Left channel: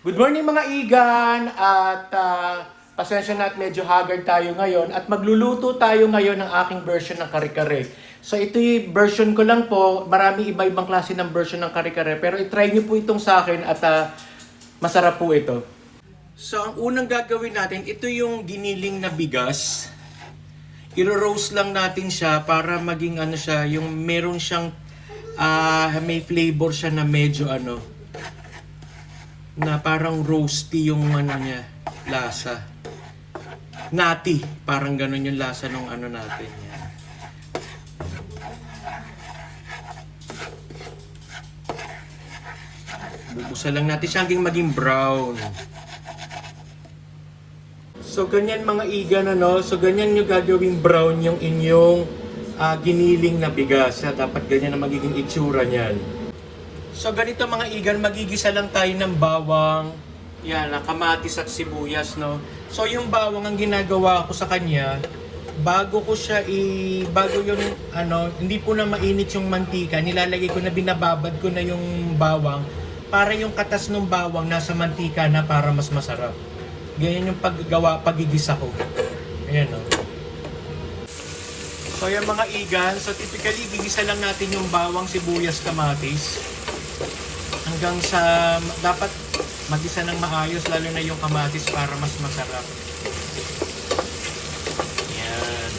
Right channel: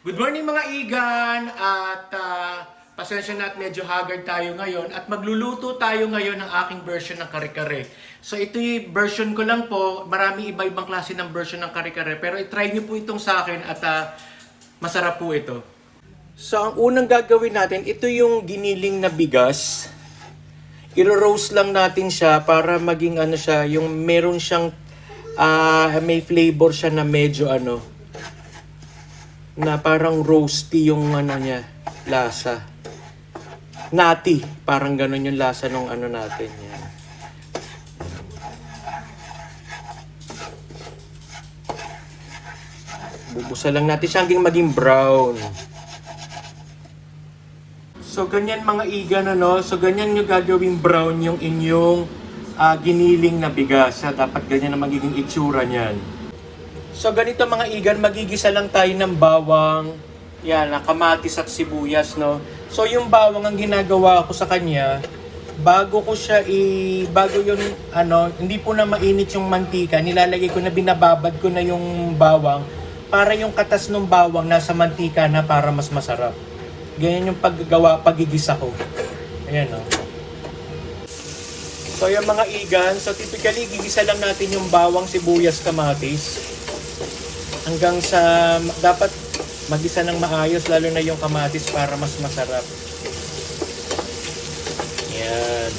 Good morning mga igan at pasensya na at medyo haggard tayo ngayon at magluluto tayo ngayon ng aking version ng kare-kare. So ito yung version ko lang po, marami iba-ibang klase ng version ng kare-kare pero itry nyo po itong sa akin at masarap po ito. So ang unang gagawin natin, ito yung giniling na bigas. I-roast lang natin siya para maging ano siya, yung meron siyang may flavor siya na medyo na parang roasty yung niya, lasa. Nati, parang ganun yung lasa ng natin yan. Bubusan lang natin siya hanggang maging brown. So ganyan mga igan so ganyan yung gagawing brown yung inyong giniling na bigas. Dapat ganyan na magiging itsura niyan. So ganito mga igan, magigisa lang tayo ng bawang, kamatis at sibuyas, no? So yung bawang ang ginagawa ko sa kanya, bago yun, hindi po na mainit yung mantika, nilalagay ko na, binababad ko na yung bawang, para yung katas ng bawang nasa mantika na para mas masarap. Ganyan yung pagigisa ko. Ayan, no? So yung mga igan, so typically gigisa lang natin yung bawang, sibuyas, kamatis. Hanggang sa dapat magisa ng maayos, lalo na yung kamatis para mas masarap. Yan.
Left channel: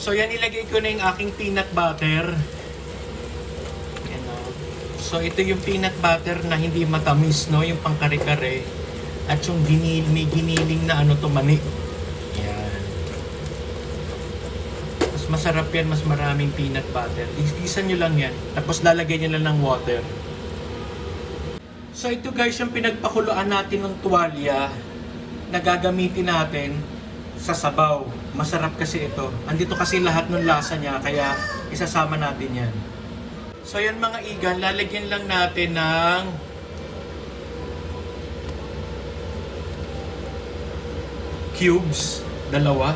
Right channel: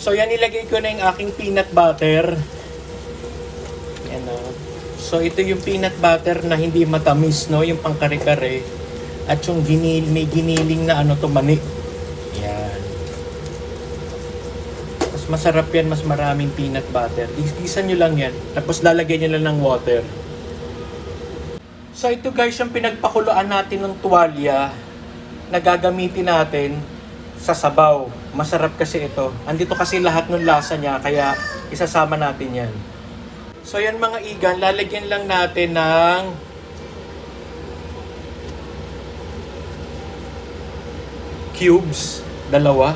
So yan, ilagay ko na yung aking peanut butter. Yan o. So ito yung peanut butter na hindi matamis, no, yung pangkare-kare, at yung may giniling na mani. Yan. Mas masarap yan, mas maraming peanut butter. Igisa nyo lang yan, tapos lalagyan nyo lang ng water. So ito guys, yung pinagpakuluan natin ng tuwalya na gagamitin natin sa sabaw. Masarap kasi ito. Andito kasi lahat ng lasa niya, kaya isasama natin yan. So yan mga igan, lalagyan lang natin ng cubes, dalawa.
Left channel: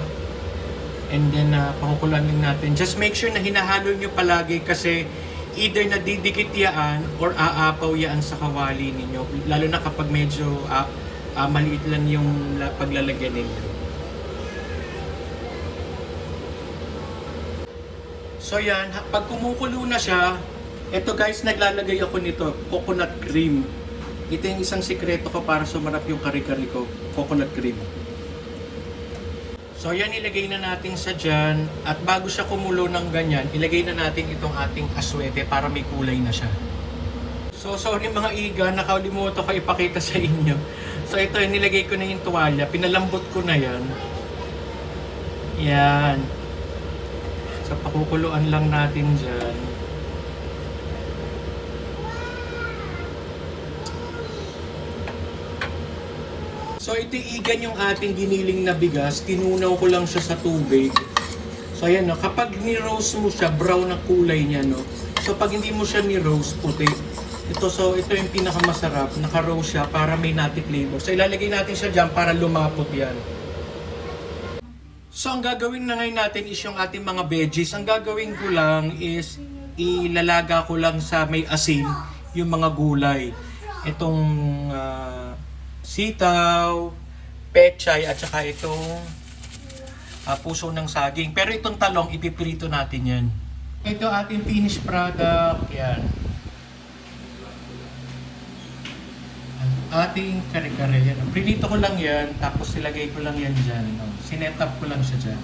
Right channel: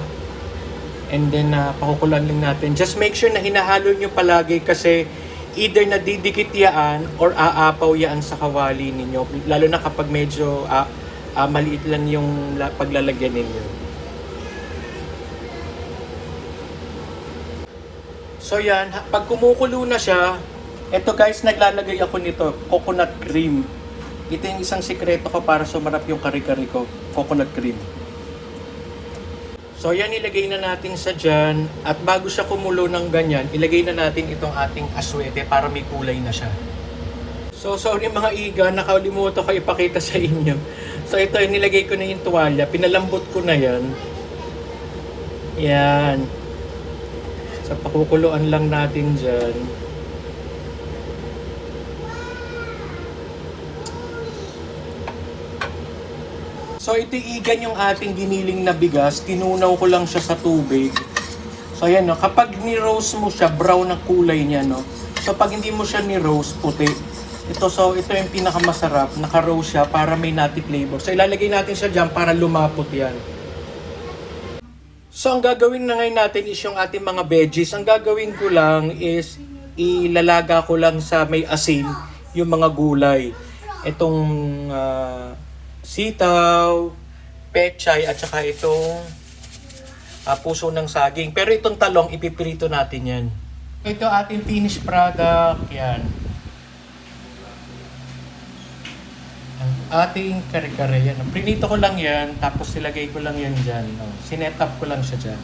And then pakukulan lang natin. Just make sure na hinahalo nyo palagi kasi either nadidikit yaan or aapaw yaan sa kawali ninyo. Lalo na kapag medyo maliit lang yung paglalagyan ninyo. So yan, pag kumukulo na siya, ito guys, naglalagay ako nito, coconut cream. Ito yung isang sikreto ko para sumarap yung kare-kare ko, coconut cream. So yan, ilagay na natin sa dyan. At bago siya kumulo ng ganyan, ilagay na natin itong ating aswete para may kulay na siya. So sorry mga iga, nakalimutan ko ipakita sa inyo. So ito, nilagay ko na yung tuwalya, pinalambot ko na yan. Yan. So pakukuluan lang natin dyan. So ito igan yung ating giniling na bigas, tinunaw ko lang siya sa tubig. So ayan, no, kapag ni-roast mo siya, brown na kulay niya, no. So pag hindi mo siya ni-roast, puti. Ito yung pinakamasarap, naka-roast siya para may nutty flavor. So ilalagay natin siya diyan para lumapot yan. So ang gagawin na ngayon natin is yung ating mga veggies. Ang gagawin ko lang is ilalaga ko lang sa may asin yung mga gulay. Itong sitaw, pechay, at saka itong puso ng saging. Pero itong talong, ipiprito natin yan. Ito ating finished product. Yan. Ang ating kare-kare. Yan. Prinito ko lang yan, tapos silagay ko lang yan dyan. Sinet up ko lang siya dyan.